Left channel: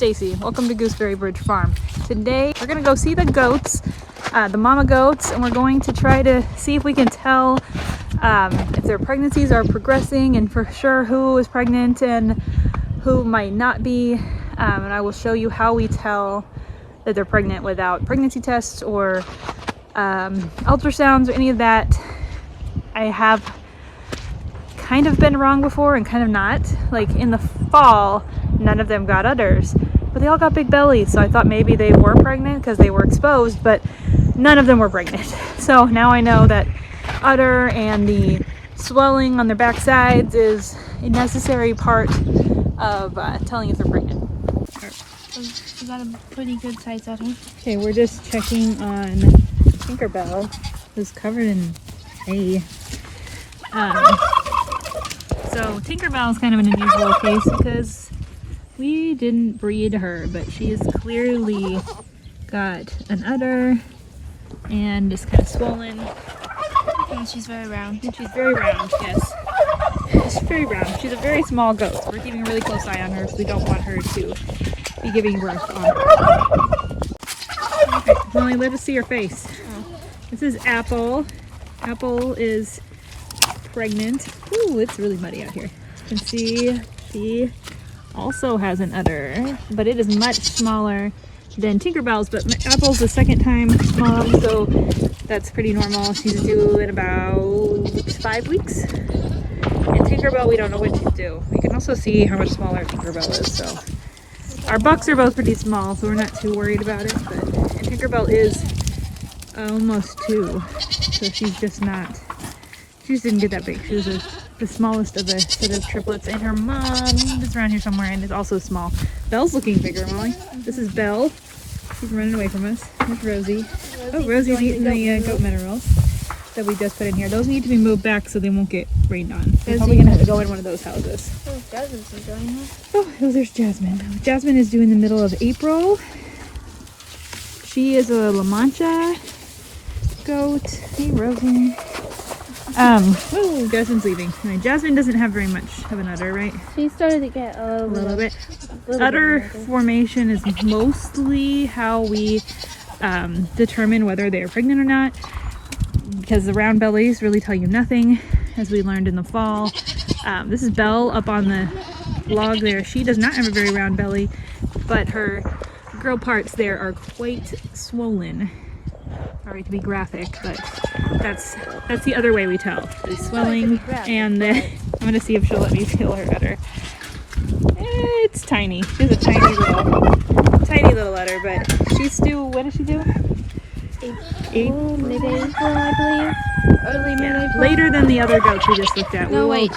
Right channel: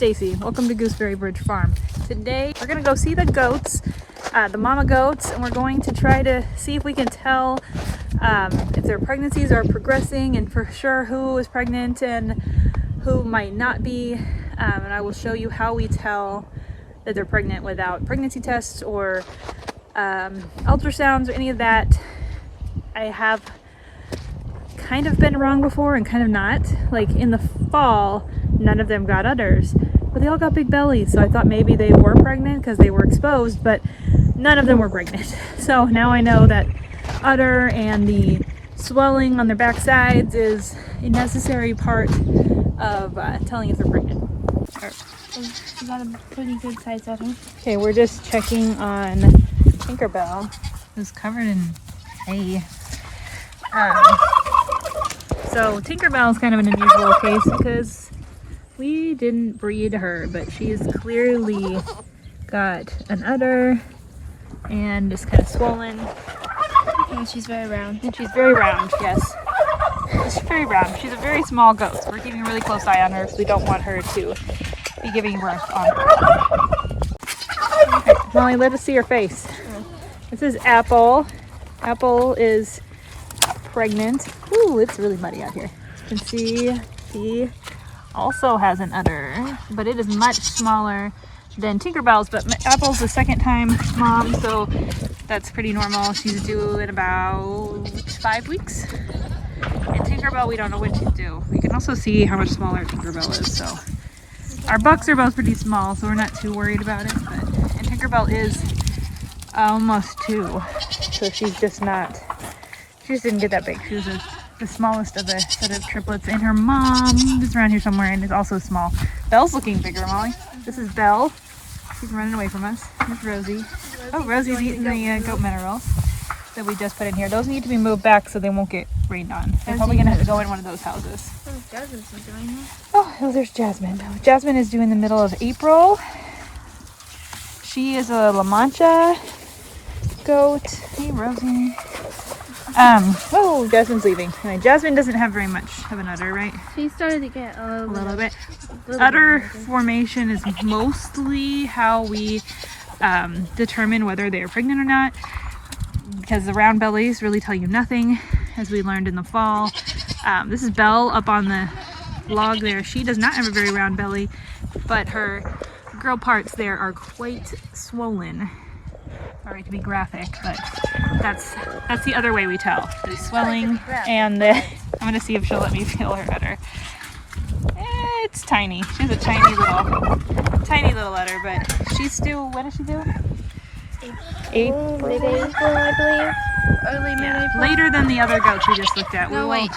Stacy. Welcome to Gooseberry Bridge Farm. Today we're gonna go see the goats, the mama goats, and we're going to try to see if we can tell if their pregnancies are progressing and for sure who is pregnant and who might not be. And I will show you how we tell that they're pregnant without pregnancy tests or ultrasounds or any of that. I have kind of been wrong before and kind of not. Like in the fall, none of them got udders, but they all got big bellies. So I thought maybe they were pregnant because they were exposed, but none of them were pregnant. So now I know that udder and the swelling on their backsides is a necessary part of telling if they're pregnant. We got a pretty good size udder. Okay, we're just checking on Tinkerbell, who's covered in hay. So Tinkerbell is kind of an unusual case because we didn't breed her, but she has clearly got an udder and is kind of swollen. And she's very round. And she's very round, yes. She's very round. She's a very small goat, so we're keeping a really close eye on her because we don't want her to be giving birth on her. Okay, Molly, let us see her face. This is Apple. Apple is pregnant. Ooh, it's really muddy out here. You can see he also has an udder, but it is much smaller than Tinkerbell's, but Apple's the second time mom, so that's pretty normal. She's due in about 5 weeks. And Tinkerbell, we don't know when she's due. We can also see how much smaller Tinkerbell is, so. Our bucks are both pretty small, so we're not too worried about it, but, and Tinkerbell is almost 2, so she's just not, she just didn't get that big. She was the smallest of the set of triplets, and her mom is around here somewhere and is also small. Belle's looking bigger, Molly. This is Belle. She's running away from us. Here's Rosie. Oh, Rosie's eating the goat minerals that we just put in here. Those need to be moved back so they won't get rained on. They're probably gonna have to go in one of those houses. Oh, there's Jasmine. Jasmine is due in the middle of April. She is a La Mancha goat. Hey, Rosie. Oh, Jasmine's leaving. Right, Jasmine doesn't have very much of an udder, right? She started to get a little bit. Udder formation is mostly how we determine whether they are pregnant or not, because the round bellies really tell you nothing, as we learned in the fall. This is Belle up on the log there. She does not have a very round belly, but her girl parts there are quite swollen. Sorry to be graphic, but that's the other way we tell. The swelling and the, I'm gonna see if she'll let me feel her udder. It's tiny. She has a tiny little udder, but she's still, what does she do? April, I believe. Early yeah, later than the other goats we just looked at. No, wait,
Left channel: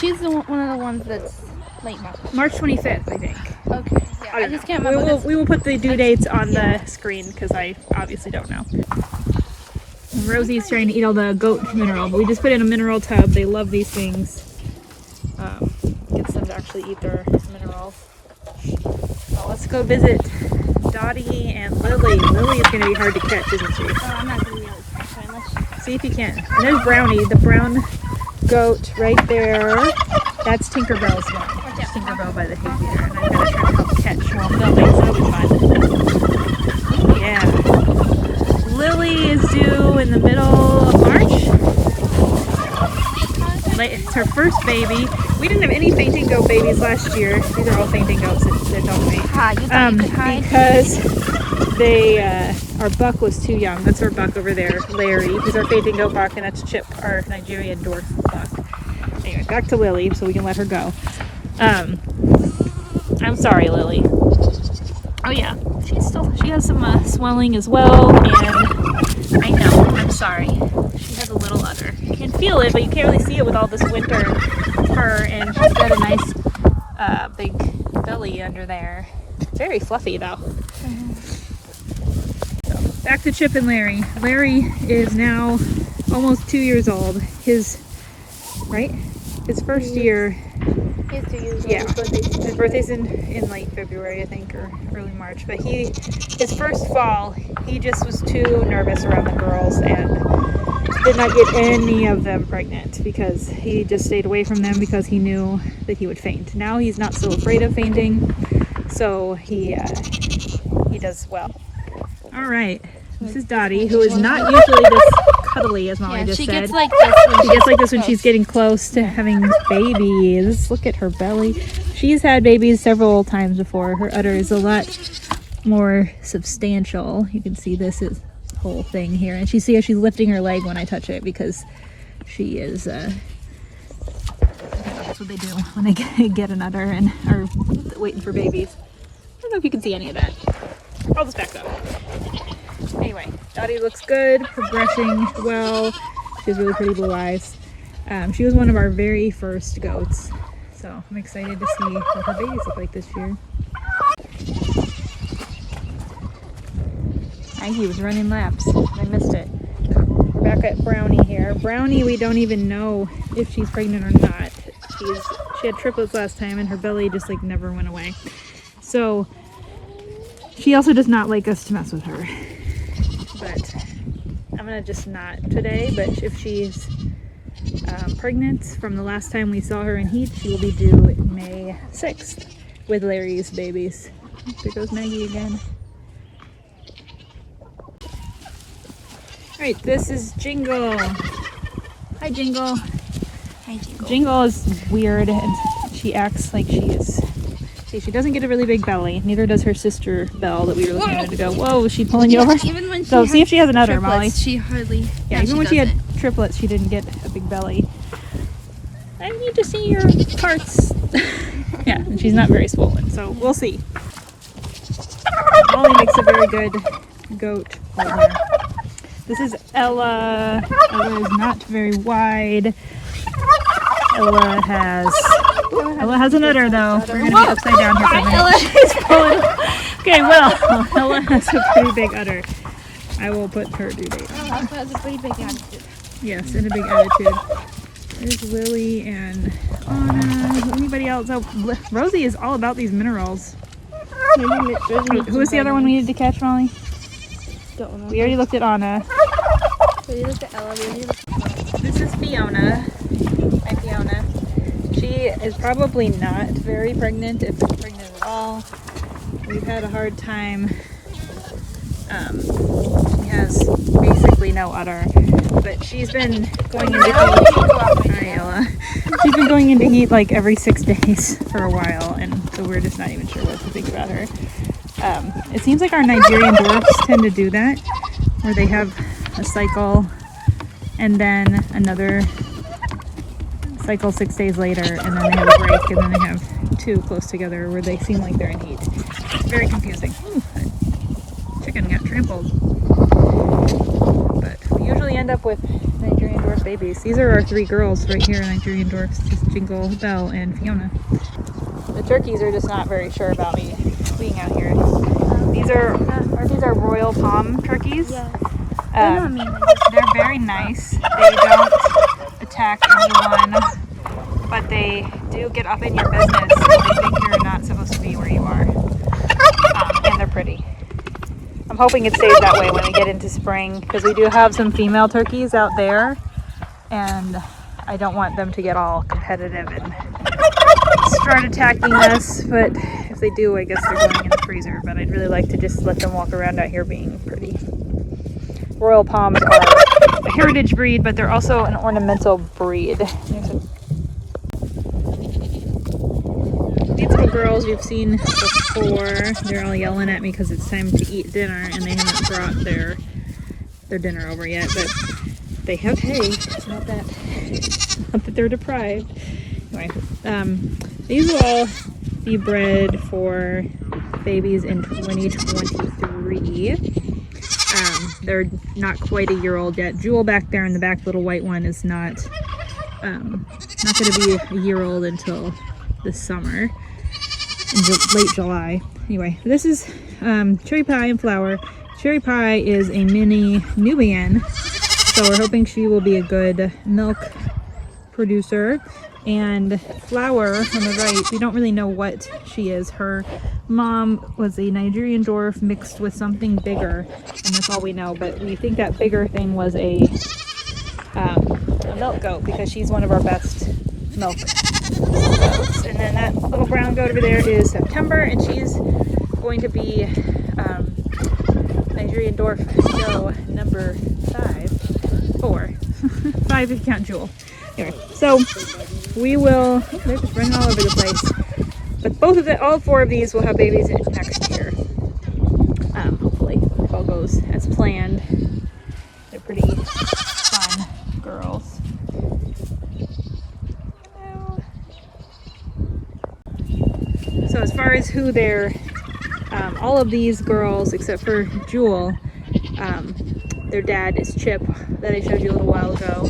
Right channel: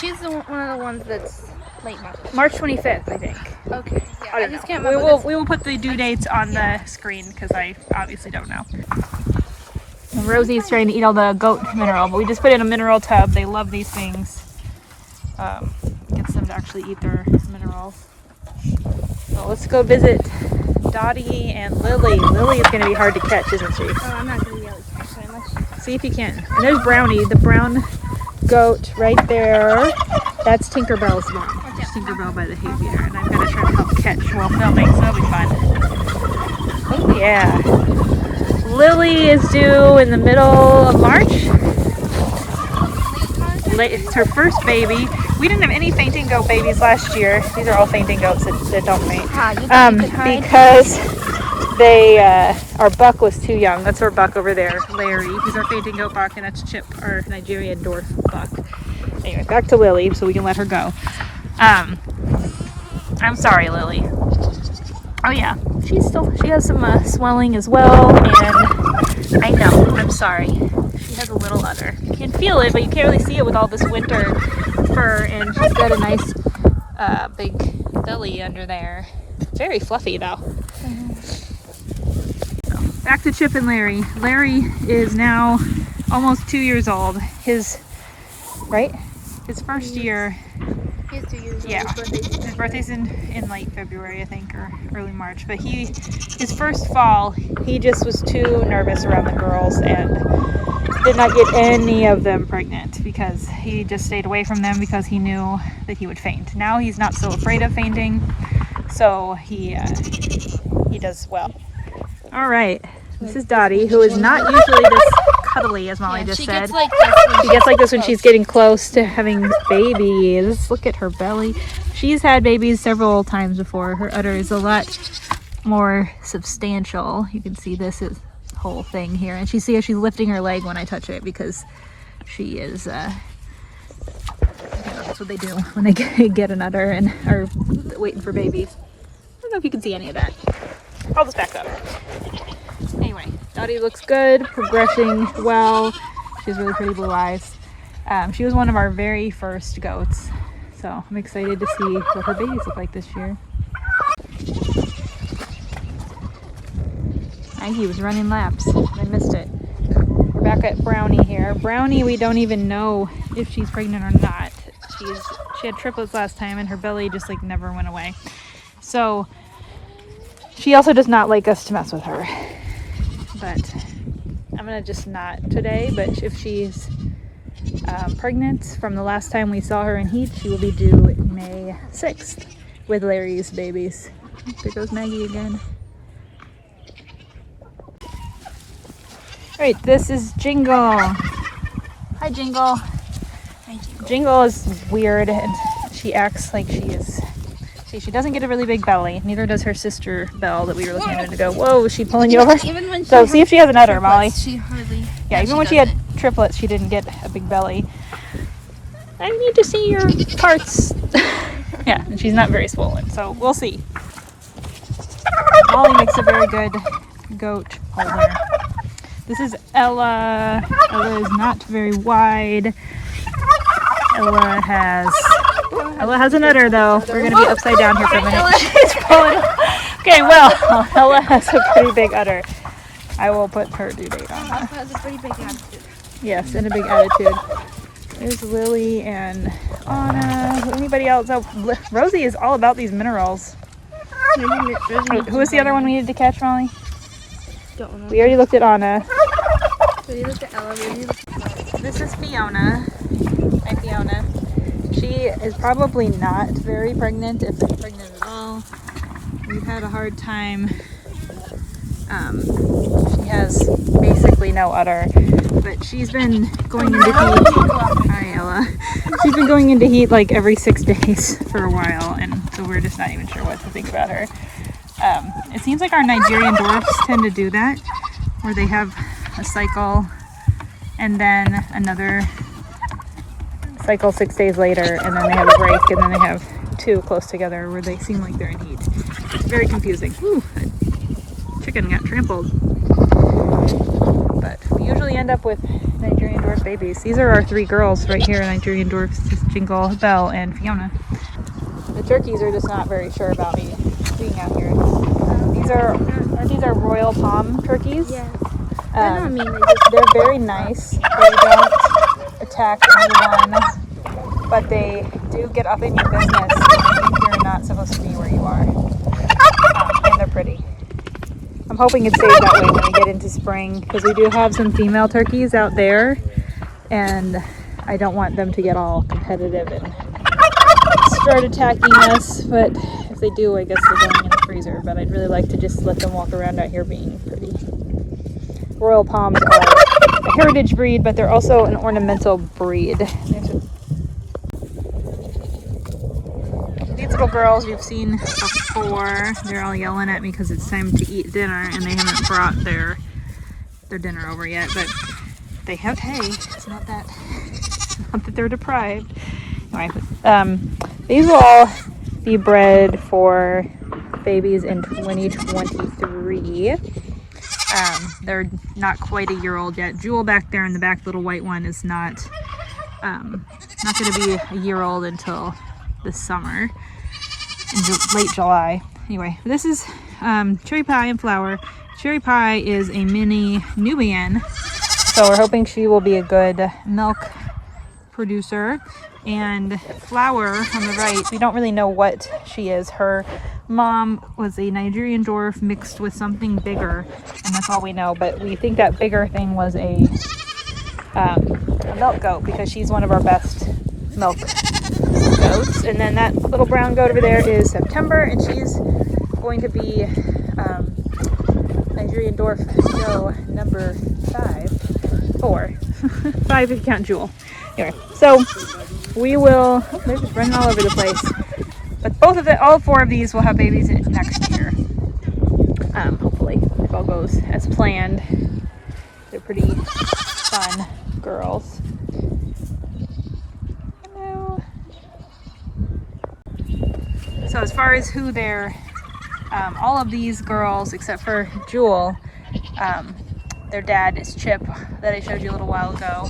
she's one of the ones that's late March. March 25th, I think. Okay. Yeah, I just can't remember. We will put the due dates on the screen because I obviously don't know. And Rosie's trying to eat all the goat mineral, but we just put in a mineral tub. They love these things. Gets them to actually eat their minerals. So let's go visit Dottie and Lily. Lily is going to be hard to catch, isn't she? Oh, I'm not going to be able to catch her. See if you can. And there's Brownie, the brown goat right there. That's Tinkerbell's mom. That's Tinkerbell by the hay feeder. And I'm going to try to help catch while filming, so that'll be fun. Oh yeah. Lily is due in the middle of March. It's her first baby. We didn't have any fainting goat babies last year. These are all fainting goats that don't faint. Because they, our buck was too young. That's our buck over there, Larry. He's our fainting goat buck, and that's Chip, our Nigerian dwarf buck. Anyway, back to Lily so we can let her go. I'm sorry, Lily. Oh yeah, she has some swelling as well, and I know, I'm sorry. She has a little udder. You can feel it, but you can't really see it with all this winter fur, and she's got a nice big belly under there. Very fluffy though. So, back to Chip and Larry. Larry is now almost 2 years old. His first year. Yeah, his birthday's in late February, I think, or early March. But his first fall, he just was too nervous around the girls and did not get any of them pregnant because he just stayed away from them because he knew that he would faint. Now he's not so afraid of fainting, so he does well. All right, this is Dottie, who is not usually this cuddly, as Molly just she said. gets like this. She gets like this when she's getting close to having babies. Look at her belly. She's had babies several times before. Her udder is a lot more substantial. You can see this whole thing here, and she see how she's lifting her leg when I touch it because she is. That's what they do when they get an udder and are waiting for babies. I don't know if you can see any of that. I'll just back up. Anyway, Dottie looks good, progressing well. She has really pretty blue eyes. She was one of our very first goats, so I'm excited to see what her babies look like this year. Maggie was running laps. I missed it. We're back at Brownie here. Brownie, we don't even know if she's pregnant or not. She had triplets last time and her belly just like never went away. So she also does not like us to mess with her. But I'm gonna just not today, but if she's pregnant from the last time we saw her in heat, she will be due May 6th with Larry's babies. There goes Maggie again. All right, this is Jingle. Hi, Jingle. Hi, Jingle. Jingle is weird and she acts like she is. See, she doesn't get a really big belly. Neither does her sister Belle that we were looking at to go. Whoa, is she pulling you over? Even when she So see if she has an udder, Molly. She hardly. Yeah, even when she had triplets, she didn't get a big belly. I need to see your parts. Yeah, and she's not very swollen, so we'll see. Ollie makes a very good goat holder. This is Ella. Ella is not very wide. Ella has an udder though. We're gonna be upside down here for a minute. She's pulling. Okay, well, Ella has a pretty big udder. I will put her duty on. Ella has a pretty big attitude. Yes, and a big attitude. There's Lily and Anna. Anybody else? Oh, Rosie is all about these minerals. Who was the other one we needed to catch, Molly? Don't know. We already looked at Anna. We looked at Ella. This is Fiona. Hi, Fiona. She is probably not very pregnant, if pregnant at all. We've had a hard time. She has basically no udder, but she's been going into heat. Hi, Ella. She's been going into heat like every 6 days for a while, and so we're just not even sure what to think about her. It seems like our Nigerian Dwarfs tend to do that, where they have a cycle and then another cycle 6 days later, and then they have a break, and then they have 2 close together where they seem like they're in heat. Very confusing. Ooh, that chicken got trampled. But we usually end up with Nigerian Dwarf babies. These are our 3 girls right here, Nigerian Dwarfs, just Jingle, Belle, and Fiona. The turkeys are just not very sure about me being out here. Aren't these our royal palm turkeys? Yeah. They're not mean. They're very nice. They don't attack anyone, but they do get up in your business and they think you're not supposed to be where you are. And they're pretty. I'm hoping it stays that way when we get into spring, because we do have some female turkeys out there, and I don't want them to get all competitive and start attacking us, but if they do, I guess they're going in the freezer. But I'd really like to just let them walk around out here being pretty. Royal Palms are a heritage breed, but they're also an ornamental breed. These little girls you've seen before, they're all yelling at me because it's time to eat dinner, and they haven't brought their dinner over yet, but they have hay. It's not that they're deprived. Anyway, these will all be bred for babies in 2023. They're not quite a year old yet. Jewel back there in the back, little white one, is not going to be a year old until this summer, in late July. Anyway, this is Cherry Pie and Flower. Cherry Pie is a mini Nubian, so we're hoping she will be a good milk producer. And Flower on the right, we don't really know what she is. Her mom was a Nigerian Dwarf mixed with something bigger, and that's all we know. But we think that bigger thing was a milk goat, because she's one of our best milk goats. months. And then that little brown goat over there is September, and she's going to be Nigerian Dwarf show number 4. 5 if you count Jewel. Anyway, so we will, oh, they're just running all over the place. But all 4 of these will have babies next year. Hopefully, if all goes as planned. They're pretty fun girls. Hello. So as far as who they're, all of these girls except for Jewel, their dad is Chip, that I showed you a little while ago.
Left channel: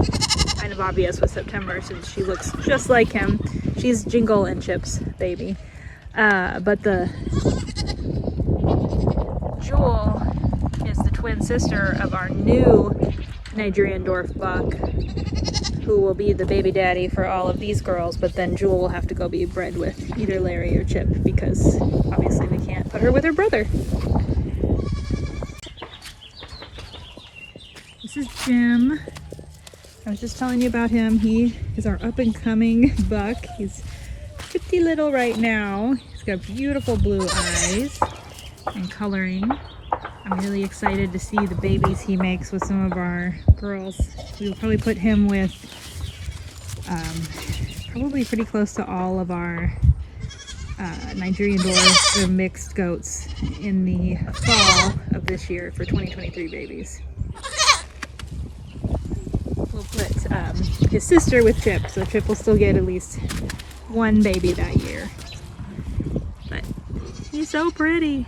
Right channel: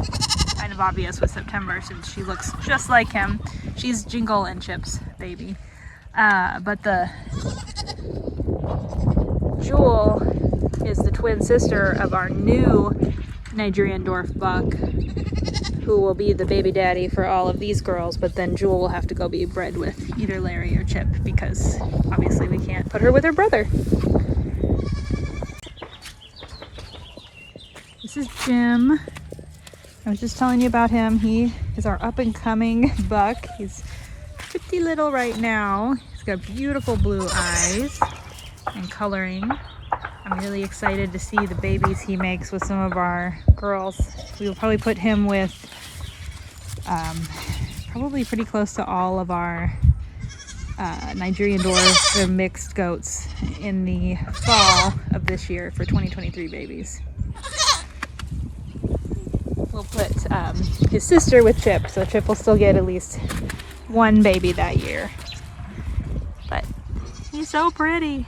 Kind of obvious with September since she looks just like him. She's Jingle and Chip's baby. But the Jewel is the twin sister of our new Nigerian Dwarf buck, who will be the baby daddy for all of these girls, but then Jewel will have to go be bred with either Larry or Chip because obviously we can't put her with her brother. This is Jim. I was just telling you about him. He is our up-and-coming buck. He's pretty little right now. He's got beautiful blue eyes and coloring. I'm really excited to see the babies he makes with some of our girls. We'll probably put him with probably pretty close to all of our Nigerian Dwarfs, the mixed goats, in the fall of this year for 2023 babies. We'll put his sister with Chip, so Chip will still get at least 1 baby that year. But he's so pretty.